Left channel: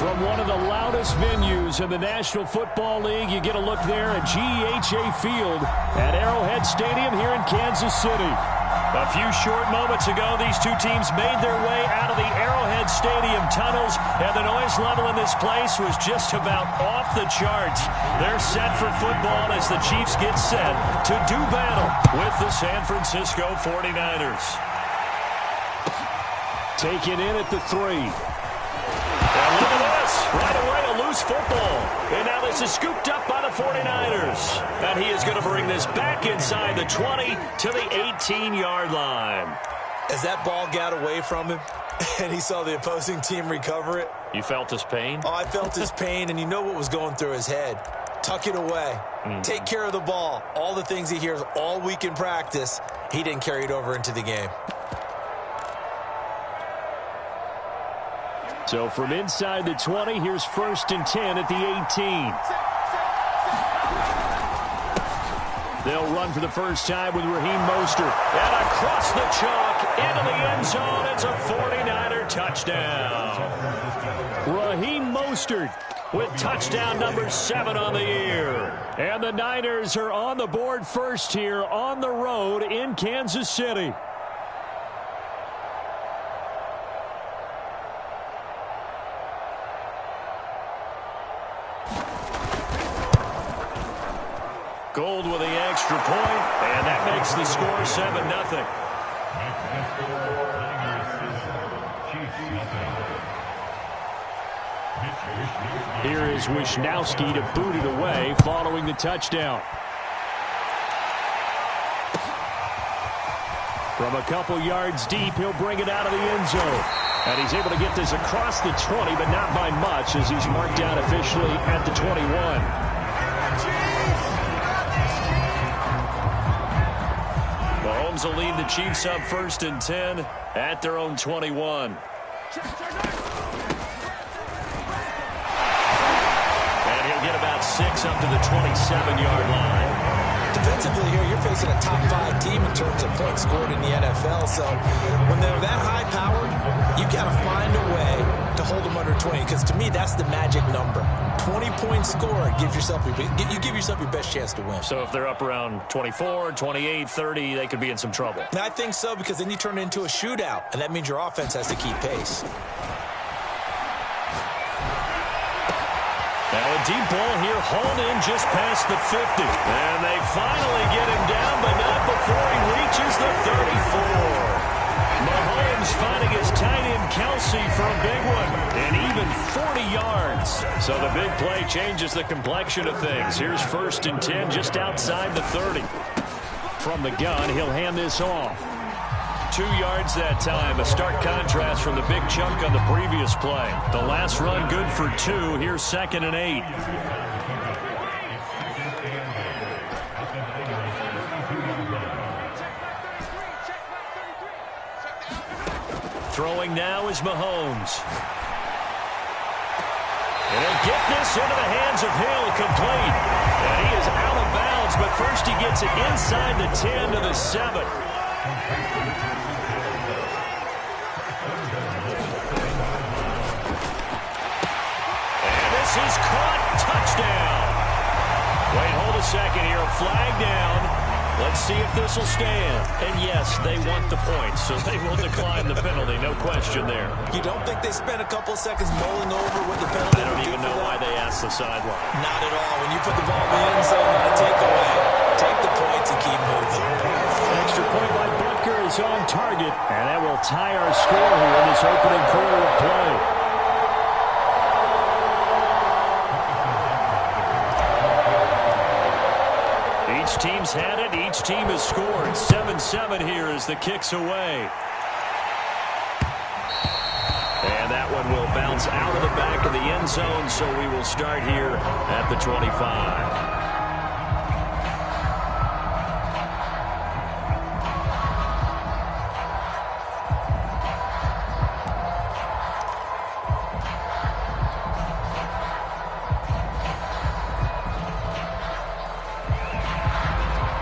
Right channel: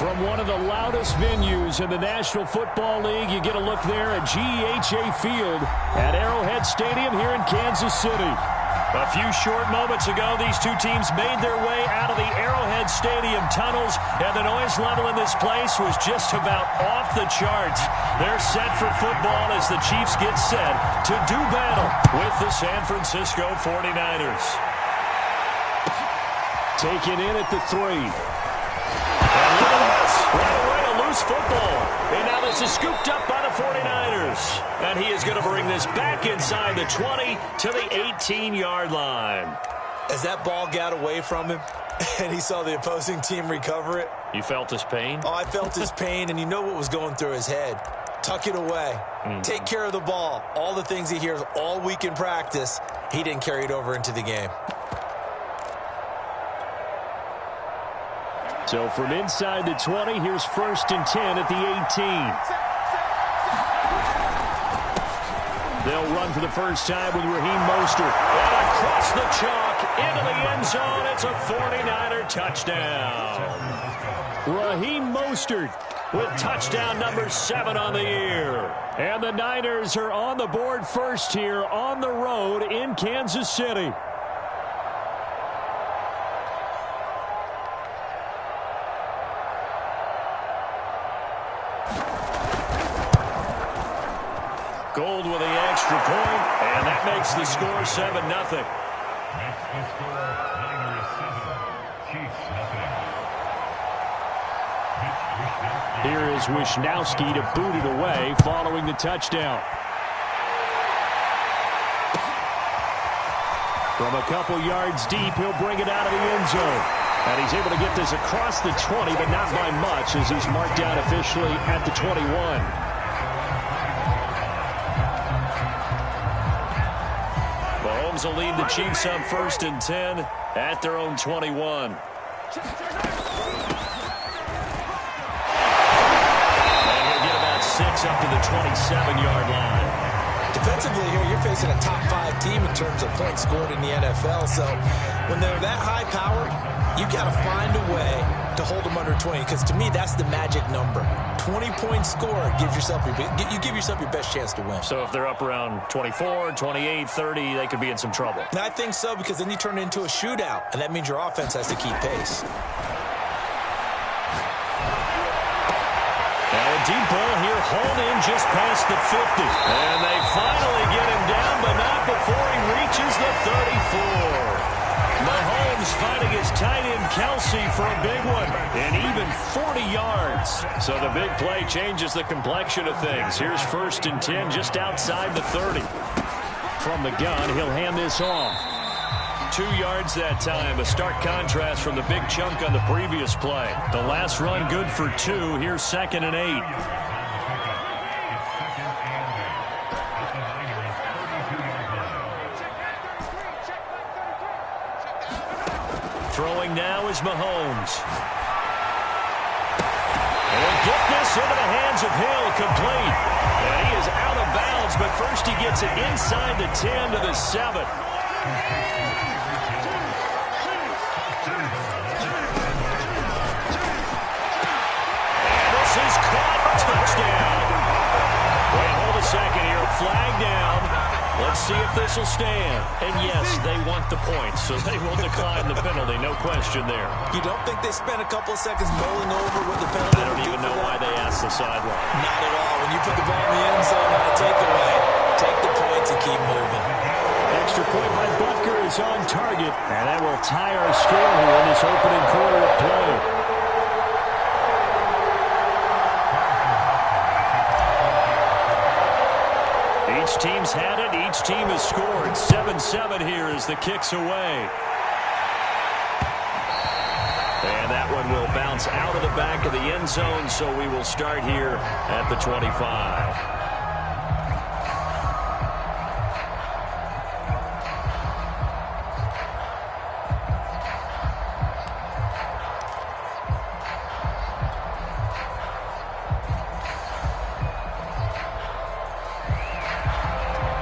From one of the loudest venues in the National Football League, you get a look there at GEHA Field at Arrowhead Stadium here in Kansas City. A few short moments ago, these two teams made their way out of the Arrowhead Stadium tunnels, and the noise level in this place was just about off the charts. They're set for football as the Chiefs get set to do battle with the San Francisco 49ers. Taken in at the 3. And look at this. Right away, a loose football. And now this is scooped up by the 49ers. And he is going to bring this back inside the 20 to the 18-yard line. As that ball got away from him and he saw the opposing team recover it. You felt his pain? Oh, I felt his pain, and you know what was going through his head. Tuck it away. Take care of the ball. All the things he hears all week in practice, he didn't carry it over into the game. So from inside the 20, here's 1st and 10 at the 18. They'll run for the first time with Raheem Mostert. And across the chalk into the end zone. It's a 49er touchdown. Raheem Mostert with touchdown number 7 on the year. And the Niners are on the board first here on the road in Kansas City. Gold with the extra point, and that makes the score 7-0. Here is Wishnowsky to boot it away following the touchdown. From a couple yards deep, he'll bring it out of the end zone. And he's able to get this across the 20, but not by much, as he's marked down officially at the 21. Mahomes will lead the Chiefs up 1st and 10 at their own 21. And he'll get about 6 up to the 27-yard line. Defensively here, you're facing a top 5 team in terms of points scored in the NFL. So when they're that high-powered, you've got to find a way to hold them under 20. Because to me, that's the magic number. 20 points scored gives yourself you give yourself your best chance to win. So if they're up around 24, 28, 30, they could be in some trouble. And I think so, because then you turn it into a shootout, and that means your offense has to keep pace. Now a deep ball here, hauled in just past the 50. And they finally get him down, but not before he reaches the 34. Mahomes finding his tight end Kelsey for a big one, and even 40 yards. So the big play changes the complexion of things. Here's 1st and 10 just outside the 30. From the gun, he'll hand this off. 2 yards that time, a stark contrast from the big chunk on the previous play. The last run good for 2. Here's 2nd and 8. Throwing now is Mahomes. And he'll get this into the hands of Hill, complete. And he is out of bounds, but first he gets it inside the 10 to the 7. And this is caught. Touchdown. Wait, hold a second here. Flag down. Let's see if this will stand. And yes, they want the points, so they will decline the penalty. No question there. You don't think they spent a couple of seconds mulling over what the penalty? I don't even know why they asked the sideline. Not at all. When you put the ball in the end zone on a takeaway, take the points and keep moving. Extra point by Butker is on target, and that will tie our score here in this opening quarter of play. Each team's had it. Each team has scored. 7-7 here as the kick's away. And that one will bounce out of the back of the end zone, so we will start here at the 25.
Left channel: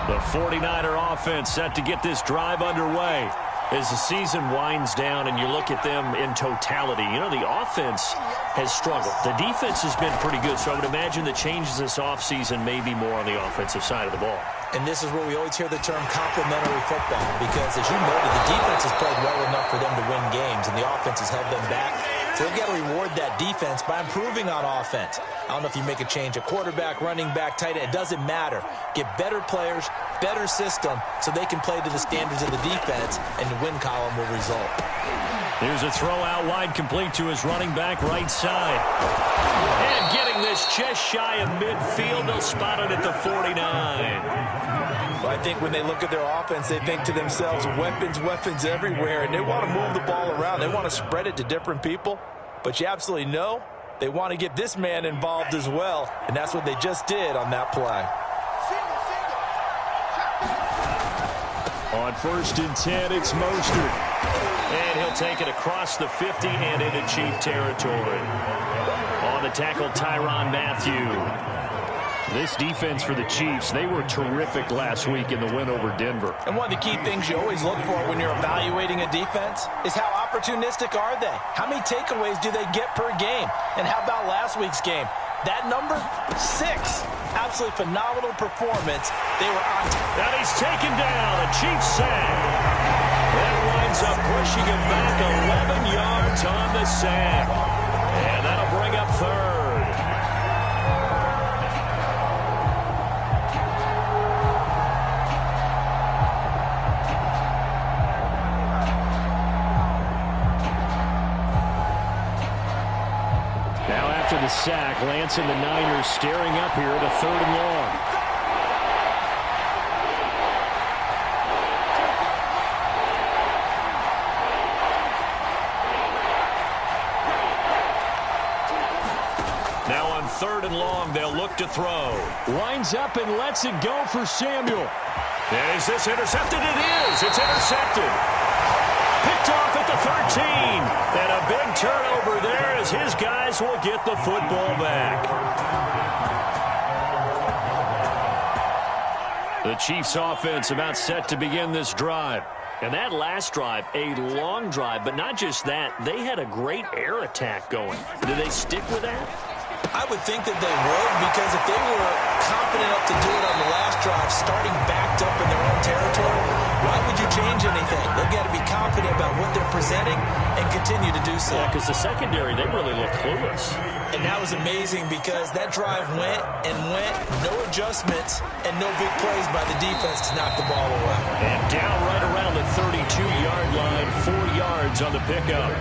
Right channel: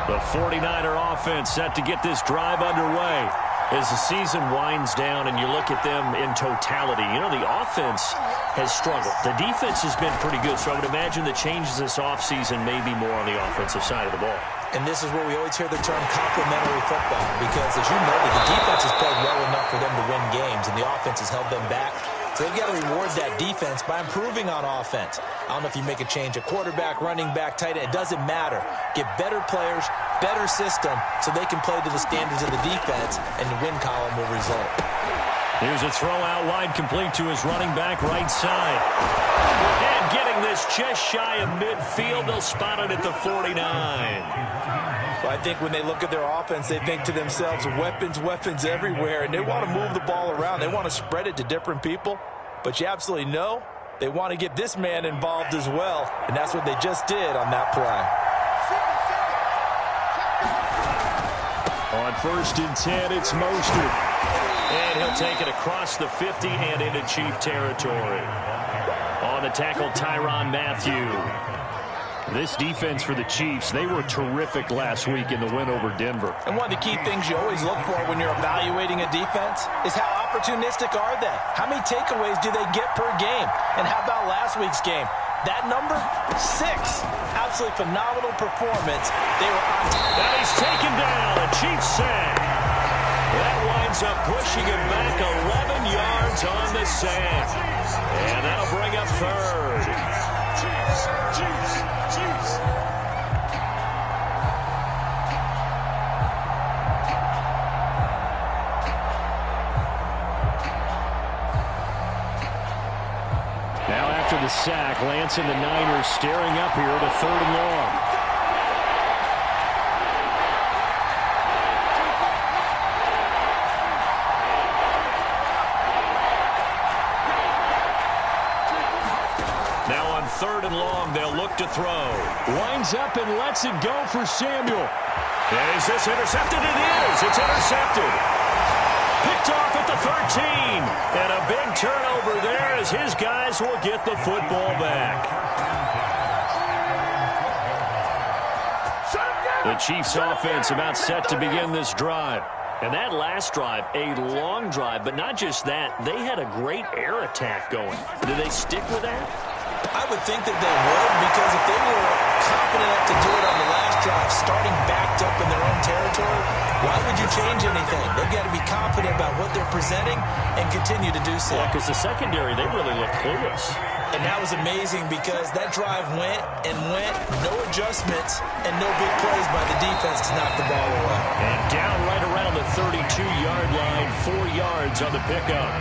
The 49er offense set to get this drive underway. As the season winds down and you look at them in totality, you know, the offense has struggled. The defense has been pretty good, so I would imagine the changes this offseason may be more on the offensive side of the ball. And this is where we always hear the term complementary football, because as you noted, the defense has played well enough for them to win games, and the offense has held them back. So they've got to reward that defense by improving on offense. I don't know if you make a change at quarterback, running back, tight end. It doesn't matter. Get better players, better system, so they can play to the standards of the defense, and the win column will result. Here's a throw out wide, complete to his running back right side. And getting this just shy of midfield, they'll spot it at the 49. Well, I think when they look at their offense, they think to themselves, weapons, weapons everywhere, and they want to move the ball around. They want to spread it to different people, but you absolutely know they want to get this man involved as well, and that's what they just did on that play. On 1st and 10, it's Mostert. And he'll take it across the 50 and into Chief territory. On the tackle, Tyrann Mathieu. This defense for the Chiefs, they were terrific last week in the win over Denver. And one of the key things you always look for when you're evaluating a defense is how opportunistic are they? How many takeaways do they get per game? And how about last week's game? That number, 6. Absolutely phenomenal performance. They were on top. Now he's taken down. A Chiefs sack. That winds up pushing him back 11 yards on the sack. And that'll bring up 3rd. Now after the sack, Lance and the Niners staring up here at a 3rd and long. Now on 3rd and long, they'll look to throw. Winds up and lets it go for Samuel. And is this intercepted? It is. It's intercepted. Picked off at the 13. And a big turnover there as his guys will get the football back. The Chiefs offense about set to begin this drive. And that last drive, a long drive, but not just that. They had a great air attack going. Do they stick with that? I would think that they would, because if they were confident enough to do it on the last drive, starting backed up in their own territory, why would you change anything? They've got to be confident about what they're presenting and continue to do so. Yeah, because the secondary, they really looked clueless. And that was amazing because that drive went and went, no adjustments, and no big plays by the defense to knock the ball away. And down right around the 32-yard line, 4 yards on the pickup.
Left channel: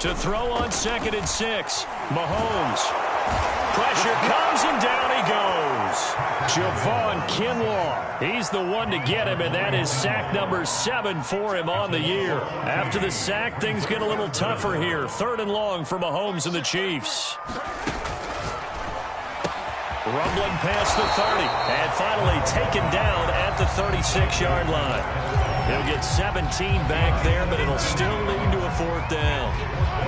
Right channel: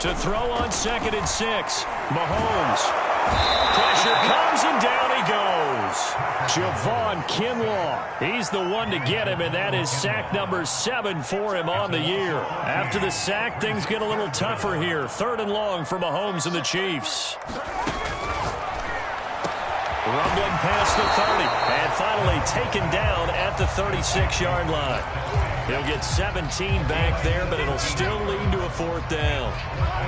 To throw on 2nd and 6. Mahomes. Pressure comes and down he goes. Javon Kinlaw. He's the one to get him, and that is sack number 7 for him on the year. After the sack, things get a little tougher here. 3rd and long for Mahomes and the Chiefs. Rumbling past the 30, and finally taken down at the 36-yard line. He'll get 17 back there, but it'll still lead to a 4th down.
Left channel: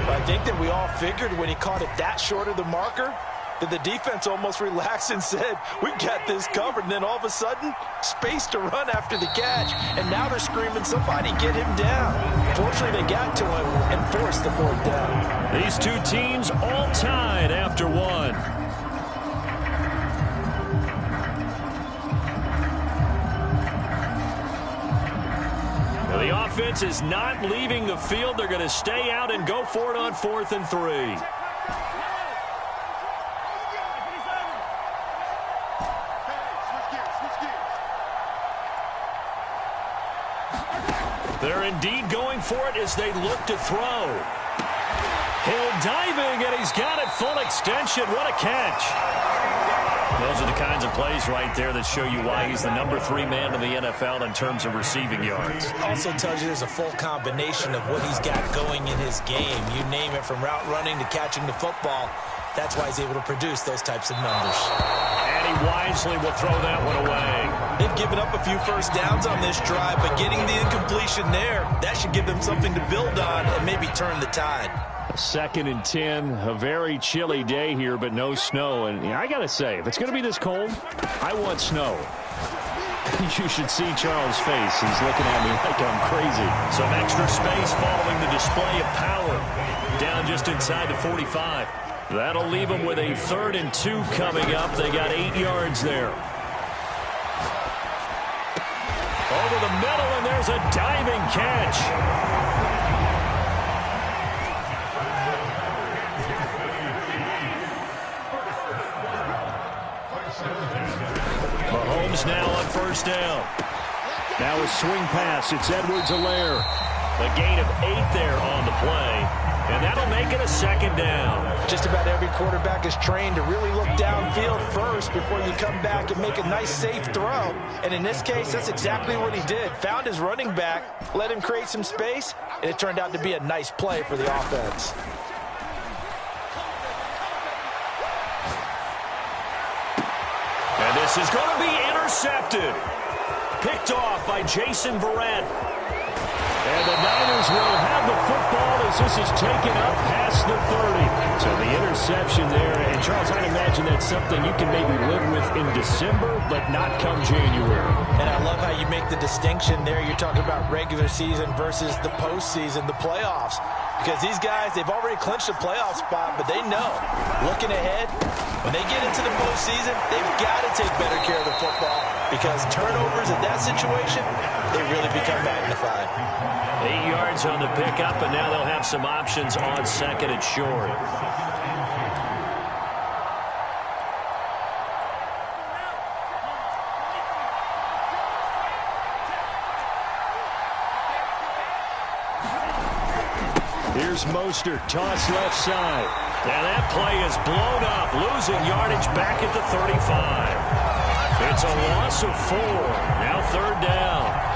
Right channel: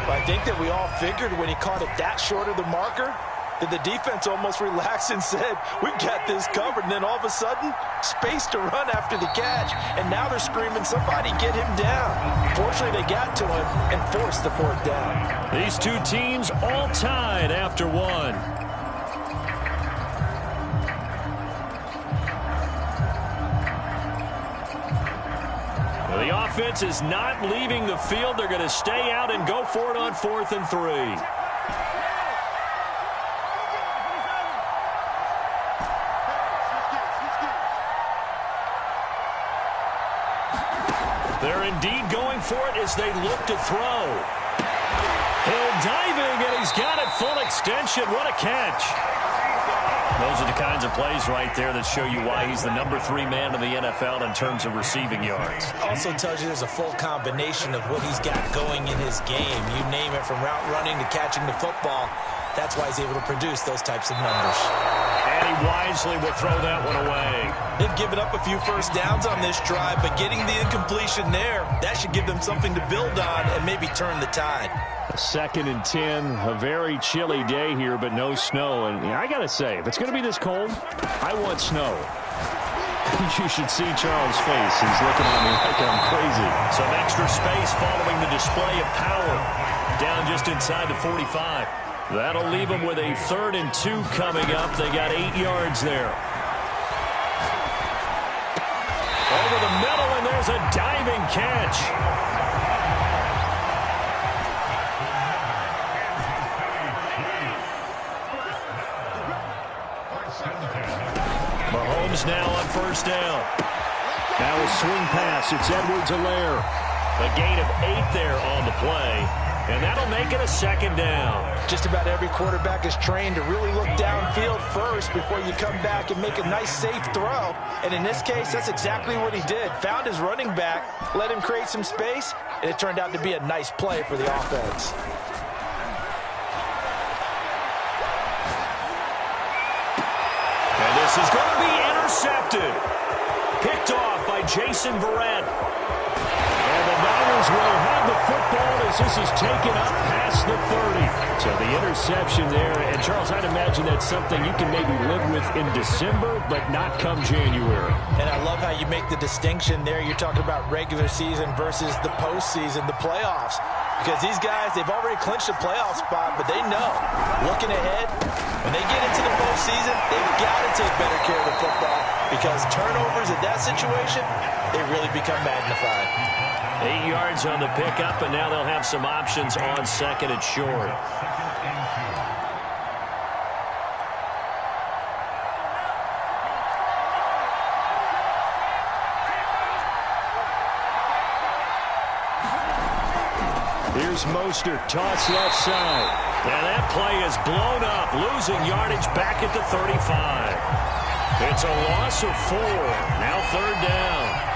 I think that we all figured when he caught it that short of the marker that the defense almost relaxed and said, we've got this covered. And then all of a sudden, space to run after the catch. And now they're screaming, somebody get him down. Fortunately, they got to him and forced the 4th down. These two teams all tied after 1. The offense is not leaving the field. They're going to stay out and go for it on 4th and 3. They're indeed going for it as they look to throw. Hill diving, and he's got it full extension. What a catch. Those are the kinds of plays right there that show you why he's the #3 man in the NFL in terms of receiving yards. Also tells you there's a full combination of what he's got going in his game. You name it, from route running to catching the football. That's why he's able to produce those types of numbers. And he wisely will throw that one away. They've given up a few first downs on this drive, but getting the incompletion there, that should give them something to build on and maybe turn the tide. 2nd and 10, a very chilly day here, but no snow. And I got to say, if it's going to be this cold, I want snow. You should see Charles' face. He's looking at me like I'm crazy. Some extra space following the display of power. Down just inside the 45. That'll leave them with a 3rd and 2 coming up. They got 8 yards there. Over the middle, and there's a diving catch. Mahomes now on 1st down. Now a swing pass. It's Edwards-Helaire. A gain of 8 there on the play. And that'll make it a 2nd down. Just about every quarterback is trained to really look downfield first before you come back and make a nice, safe throw. And in this case, that's exactly what he did. Found his running back, let him create some space, and it turned out to be a nice play for the offense. And this is going to be intercepted. Picked off by Jason Verrett. And the Niners will have the football as this is taken up past the 30. So the interception there. And, Charles, I'd imagine that's something you can maybe live with in December, but not come January. And I love how you make the distinction there. You're talking about regular season versus the postseason, the playoffs. Because these guys, they've already clinched a playoff spot, but they know, looking ahead, when they get into the postseason, they've got to take better care of the football because turnovers in that situation, they really become magnified. 8 yards on the pickup, and now they'll have some options on 2nd and short. Here's Mostert, toss left side. And that play is blown up, losing yardage back at the 35. It's a loss of 4. Now 3rd down.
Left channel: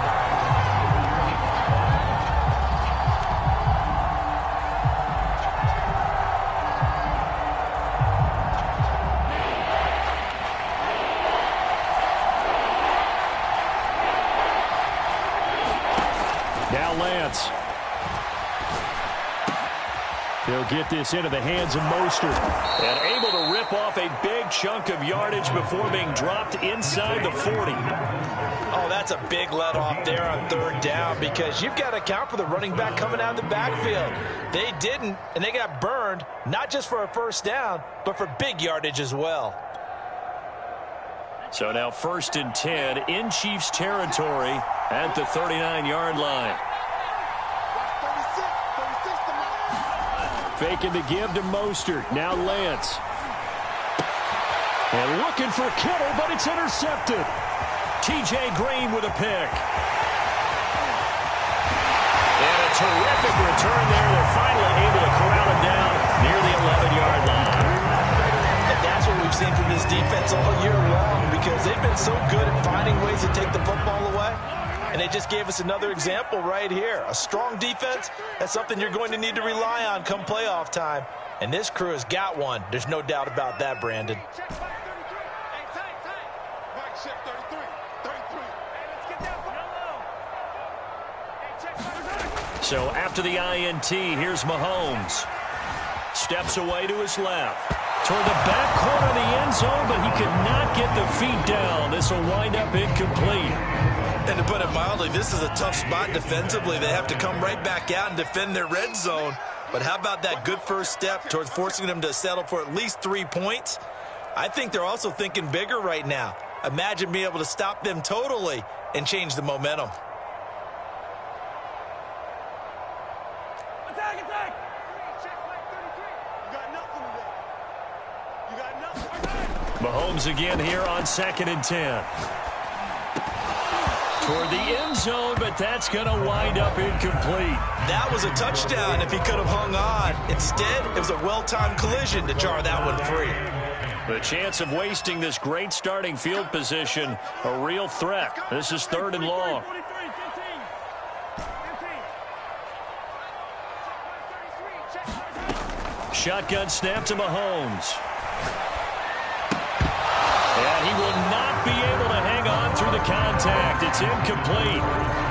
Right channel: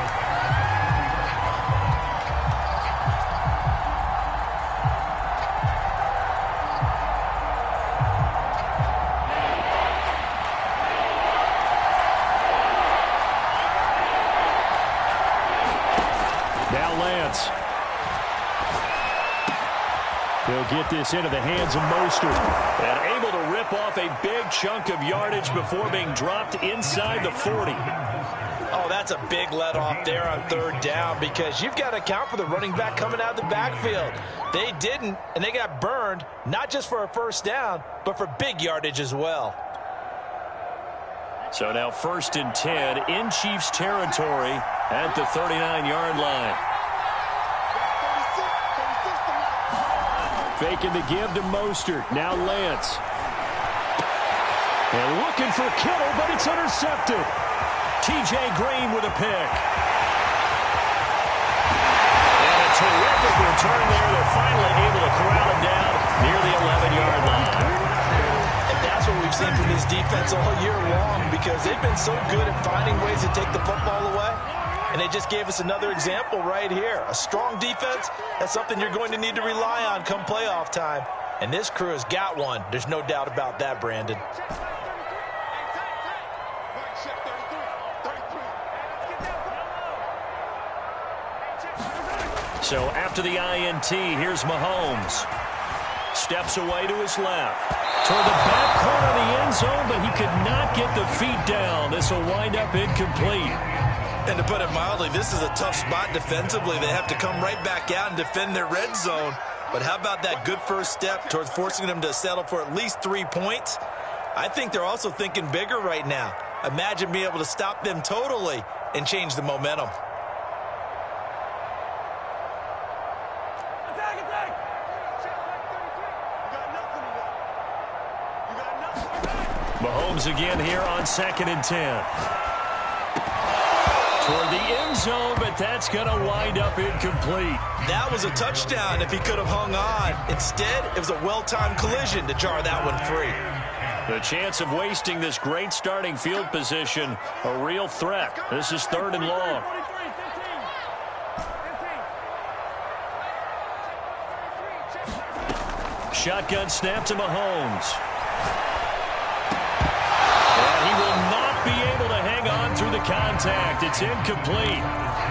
Now Lance. He'll get this into the hands of Mostert. And able to rip off a big chunk of yardage before being dropped inside the 40. Oh, that's a big let off there on 3rd down because you've got to account for the running back coming out of the backfield. They didn't, and they got burned, not just for a 1st down, but for big yardage as well. So now 1st and 10 in Chiefs territory at the 39-yard line. Faking the give to Mostert. Now Lance. And looking for Kittle, but it's intercepted. T.J. Green with a pick. And a terrific return there. They're finally able to corral it down near the 11-yard line. And that's what we've seen from this defense all year long because they've been so good at finding ways to take the football away. And they just gave us another example right here. A strong defense, that's something you're going to need to rely on come playoff time. And this crew has got one. There's no doubt about that, Brandon. So after the INT, here's Mahomes. Steps away to his left. Toward the back corner of the end zone, but he could not get the feet down. This will wind up incomplete. And to put it mildly, this is a tough spot defensively. They have to come right back out and defend their red zone. But how about that good first step towards forcing them to settle for at least 3 points? I think they're also thinking bigger right now. Imagine being able to stop them totally and change the momentum. Attack, attack! Check back 33. You got nothing to do. You got nothing. Mahomes again here on 2nd and 10. Toward the end zone, but that's going to wind up incomplete. That was a touchdown if he could have hung on. Instead, it was a well-timed collision to jar that one free. The chance of wasting this great starting field position, a real threat. This is 3rd and long. 43, 15. Shotgun snap to Mahomes. And he will not be able to hang on through the contact. It's incomplete.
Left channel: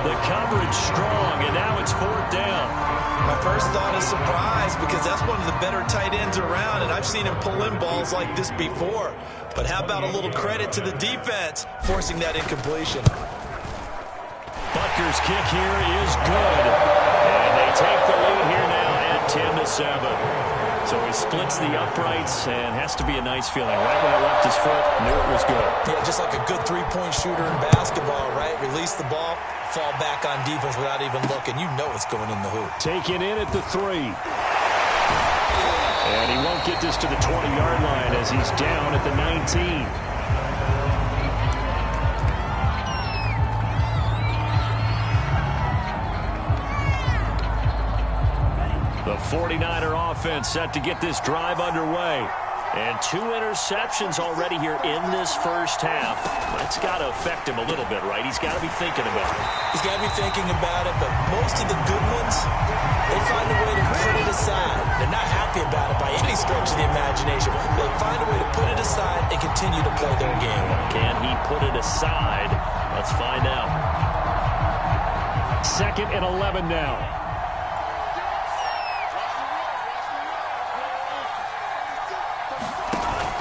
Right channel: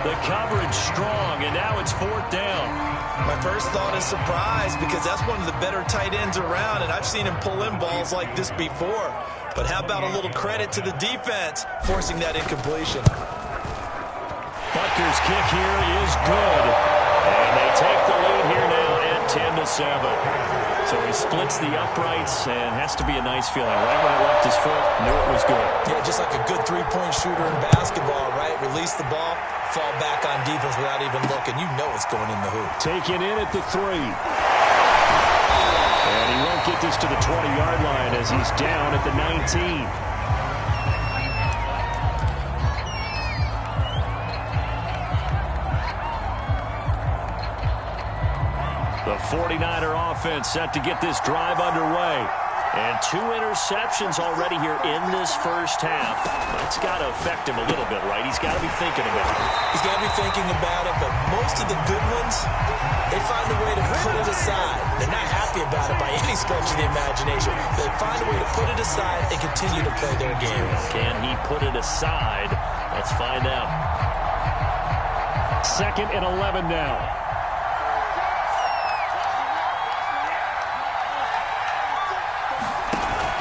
The coverage strong, and now it's 4th down. My first thought is surprise, because that's one of the better tight ends around, and I've seen him pull in balls like this before. But how about a little credit to the defense forcing that incompletion? Butker's kick here is good. And they take the lead here now at 10-7. So he splits the uprights, and has to be a nice feeling. Right when it left his foot, knew it was good. Yeah, just like a good three-point shooter in basketball, right? Release the ball, fall back on defense without even looking. You know it's going in the hoop. Taken in at the 3. And he won't get this to the 20-yard line as he's down at the 19. The 49er offense set to get this drive underway. And 2 interceptions already here in this first half. That's got to affect him a little bit, right? He's got to be thinking about it. He's got to be thinking about it, but most of the good ones, they find a way to put it aside. They're not happy about it by any stretch of the imagination. They find a way to put it aside and continue to play their game. Can he put it aside? Let's find out. 2nd and 11 now.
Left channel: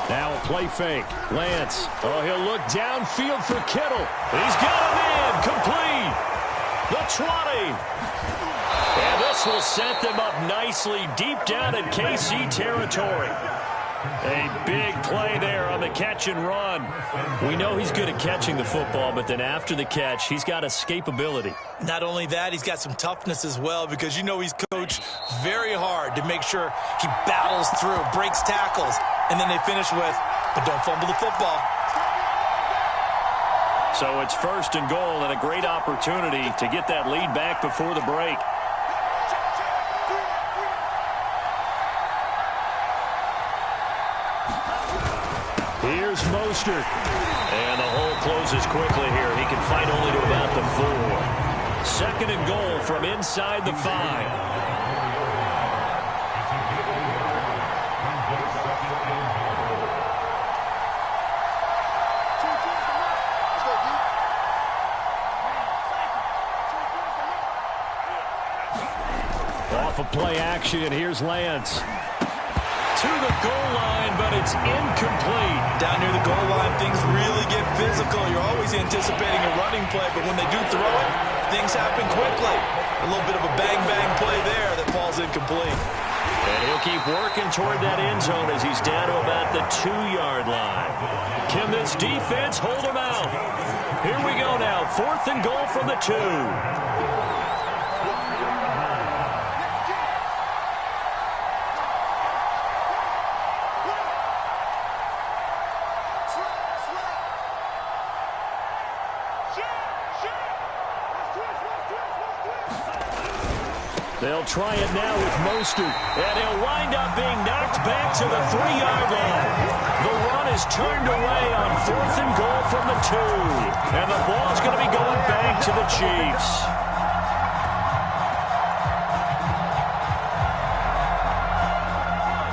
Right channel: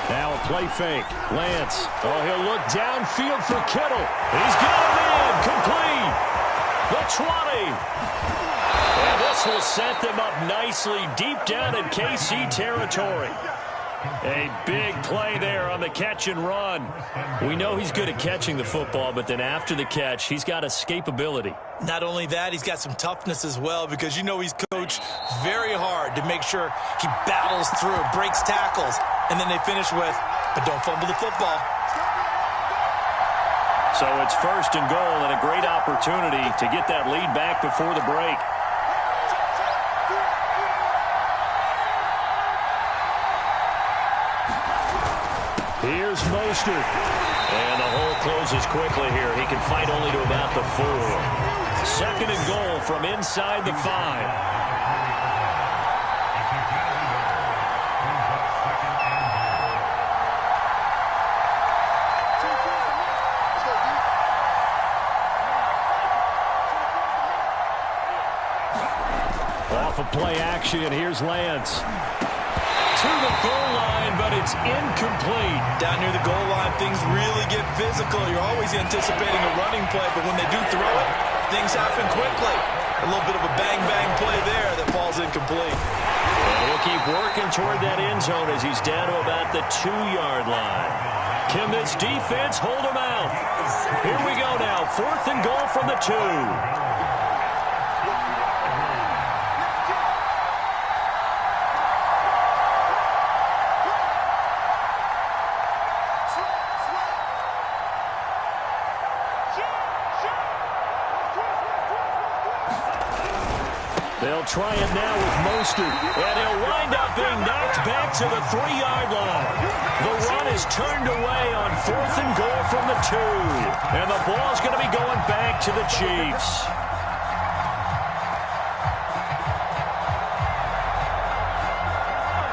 Now a play fake. Lance. Oh, he'll look downfield for Kittle. He's got him in. Complete. The 20. And this will set them up nicely deep down in KC territory. A big play there on the catch and run. We know he's good at catching the football, but then after the catch, he's got escapability. Not only that, he's got some toughness as well, because you know he's coached very hard to make sure he battles through, breaks tackles, and then they finish with, but don't fumble the football. So it's 1st and goal, and a great opportunity to get that lead back before the break. Here's Mostert. And the hole closes quickly here. He can fight only to about the 4. 2nd and goal from inside the 5. Off of play action, here's Lance. To the goal line, but it's incomplete. Down near the goal line, things really get physical. You're always anticipating a running play, but when they do throw it, things happen quickly. A little bit of a bang-bang play there that falls incomplete. And he'll keep working toward that end zone as he's down to about the 2-yard line. Can this defense hold him out? Here we go now, 4th and goal from the 2. They'll try it now with Mostert, and he'll wind up being knocked back to the 3-yard line. The run is turned away on 4th and goal from the 2, and the ball's going to be going back to the Chiefs.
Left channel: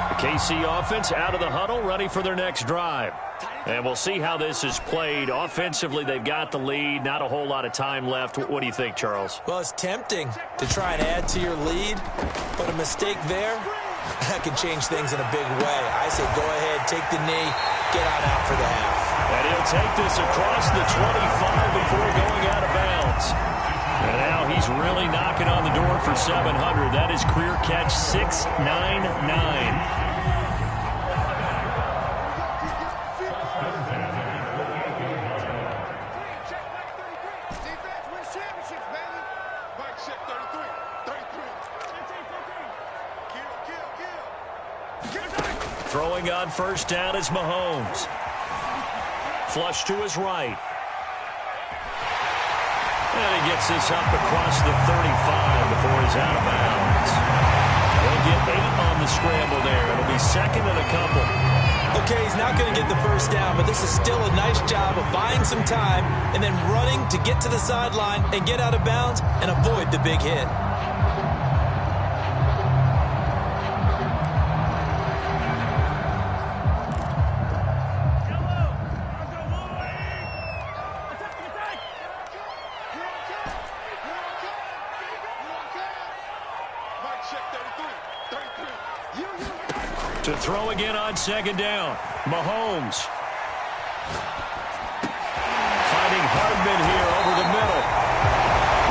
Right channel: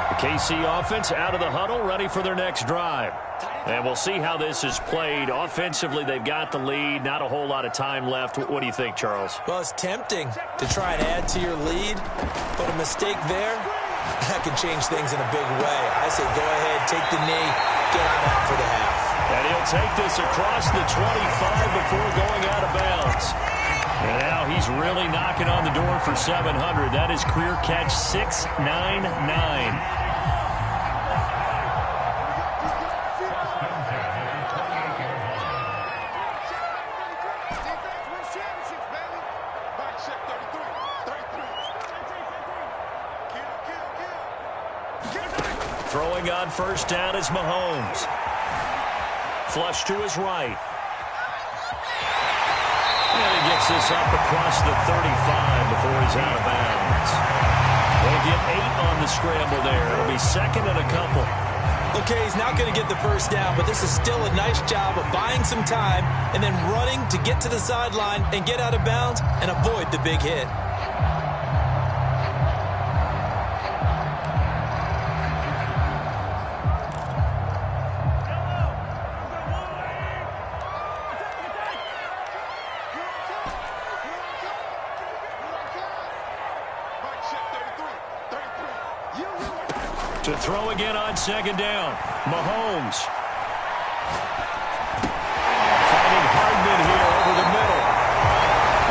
The KC offense out of the huddle, ready for their next drive. And we'll see how this is played. Offensively, they've got the lead. Not a whole lot of time left. What do you think, Charles? Well, it's tempting to try and add to your lead, but a mistake there, that can change things in a big way. I say go ahead, take the knee, get on out for the half. And he'll take this across the 25 before going out of bounds. And now he's really knocking on the door for 700. That is career catch 699. Throwing on 1st down is Mahomes. Flush to his right. And he gets this up across the 35 before he's out of bounds. He'll get 8 on the scramble there. It'll be 2nd and a couple. Okay, he's not going to get the first down, but this is still a nice job of buying some time and then running to get to the sideline and get out of bounds and avoid the big hit. To throw again on second down, Mahomes. Finding Hardman here over the middle.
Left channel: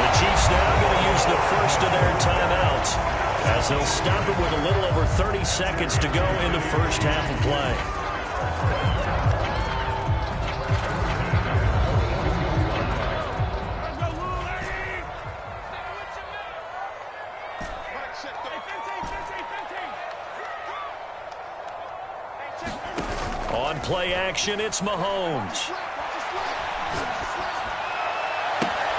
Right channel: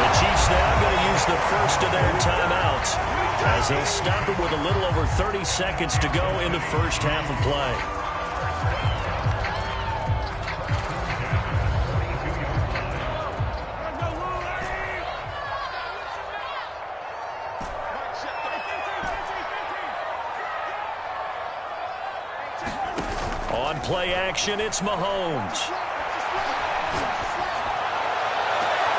The Chiefs now going to use the first of their timeouts as they'll stop it with a little over 30 seconds to go in the first half of play. On play action, it's Mahomes.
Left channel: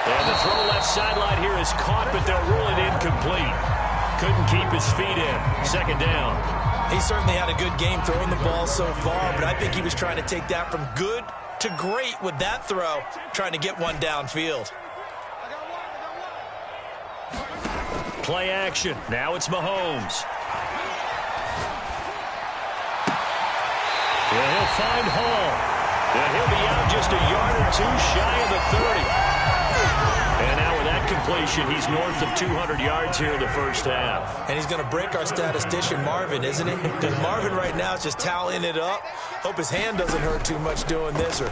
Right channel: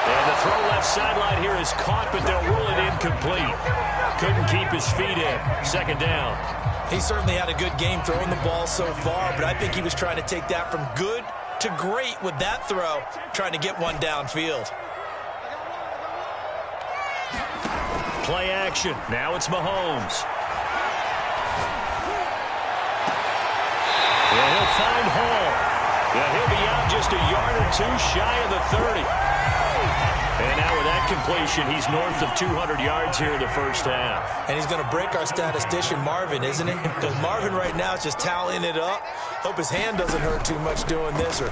And the throw left sideline here is caught, but they'll rule it incomplete. Couldn't keep his feet in. Second down. He certainly had a good game throwing the ball so far, but I think he was trying to take that from good to great with that throw, trying to get one downfield. Play action. Now it's Mahomes. And he'll find Hall. And he'll be out just a yard or two shy of the 30. And now with that completion, he's north of 200 yards here in the first half. And he's going to break our statistician, Marvin, isn't he? Because Marvin right now is just tallying it up. Hope his hand doesn't hurt too much doing this or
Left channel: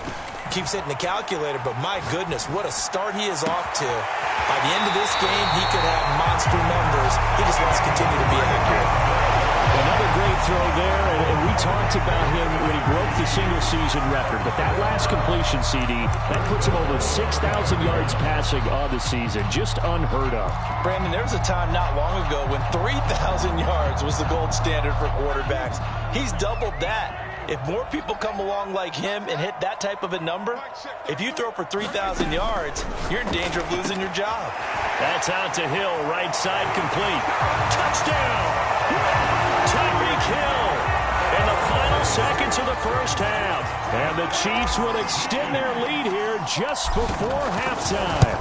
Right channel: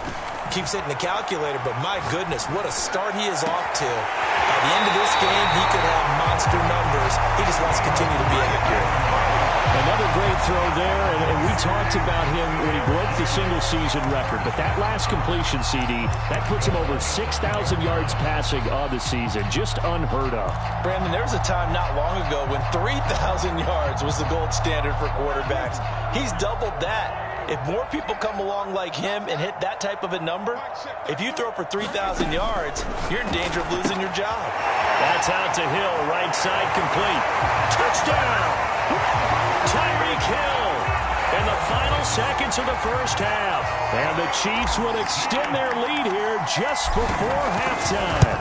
keeps hitting the calculator. But my goodness, what a start he is off to. By the end of this game, he could have monster numbers. He just wants to continue to be accurate. Another great throw there, and we talked about him when he broke the single-season record. But that last completion, CD, that puts him over 6,000 yards passing on the season. Just unheard of. Brandon, there was a time not long ago when 3,000 yards was the gold standard for quarterbacks. He's doubled that. If more people come along like him and hit that type of a number, if you throw for 3,000 yards, you're in danger of losing your job. That's out to Hill, right side complete. Touchdown! Tyreek Hill in the final seconds of the first half. And the Chiefs will extend their lead here just before halftime.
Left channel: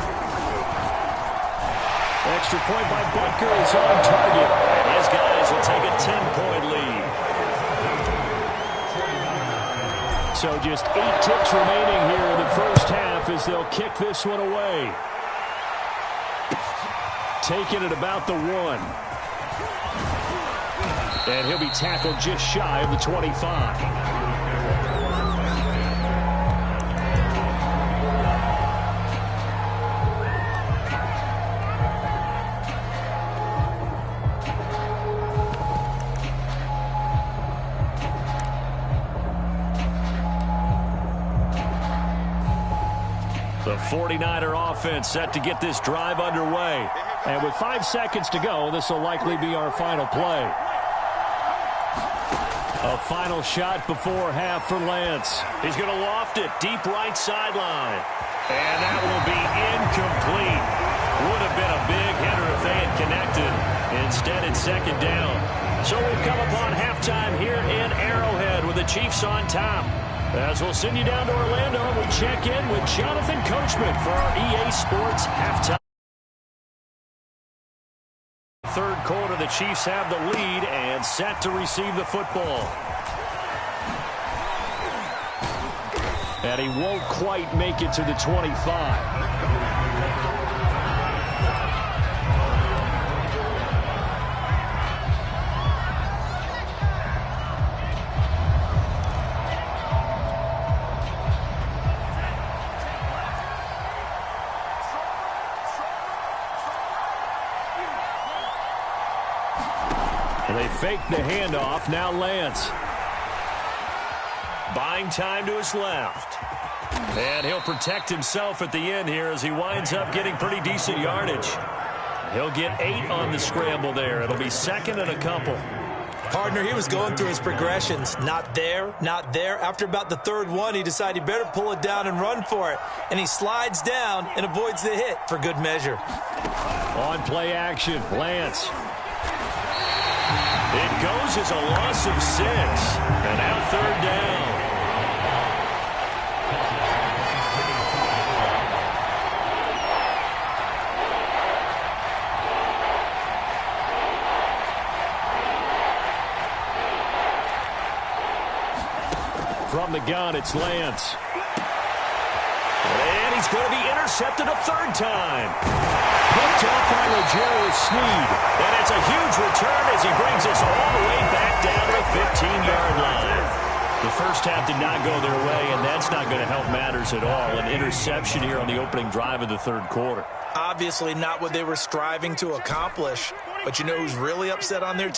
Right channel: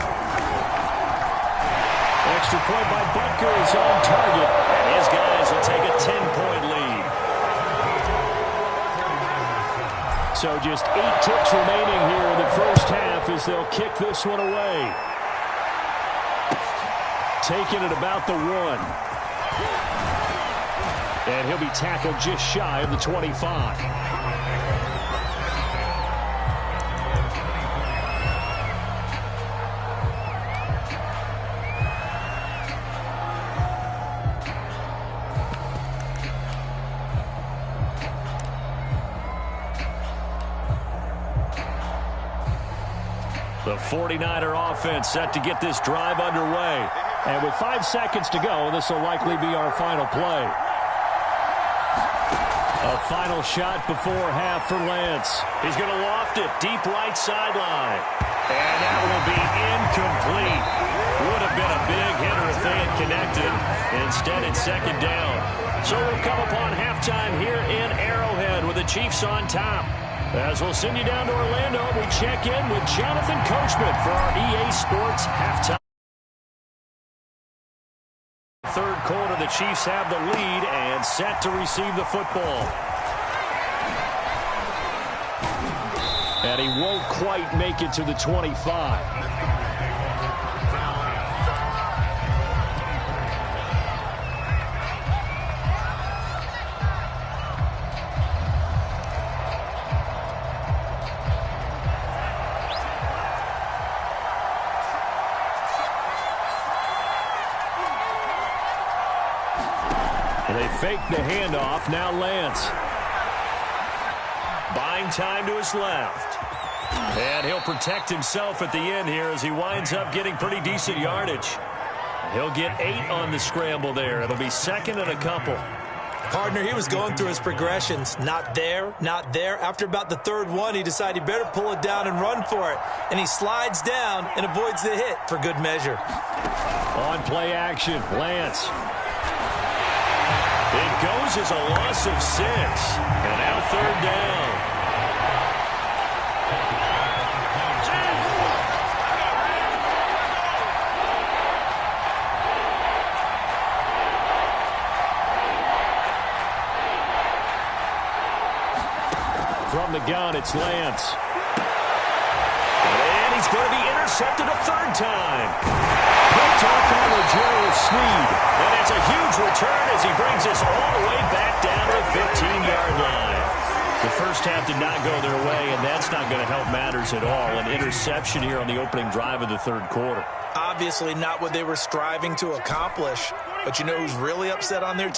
Extra point by Butker is on target, and his guys will take a 10-point lead. So just 8 ticks remaining here in the first half as they'll kick this one away. Taking it about the 1. And he'll be tackled just shy of the 25. The 49er offense set to get this drive underway. And with 5 seconds to go, this will likely be our final play. A final shot before half for Lance. He's going to loft it deep right sideline. And that will be incomplete. Would have been a big hitter if they had connected. Instead, it's second down. So we've come upon halftime here in Arrowhead with the Chiefs on top. As we'll send you down to Orlando, we check in with Jonathan Coachman for our EA Sports halftime. Third quarter, the Chiefs have the lead and set to receive the football. And he won't quite make it to the 25. They fake the handoff. Now Lance. Buying time to his left. And he'll protect himself at the end here as he winds up getting pretty decent yardage. He'll get 8 on the scramble there. It'll be second and a couple. Partner, he was going through his progressions. Not there, not there. After about the third one, he decided he better pull it down and run for it. And he slides down and avoids the hit for good measure. On play action, Lance. It goes as a loss of 6. And now 3rd down. From the gun, it's Lance. And he's going to be intercepted a 3rd time. Picked off by L'Jarius Sneed. And it's a huge return as he brings us all the way back down to the 15-yard line. The first half did not go their way, and that's not going to help matters at all. An interception here on the opening drive of the 3rd quarter. Obviously not what they were striving to accomplish. But you know who's really upset on their team?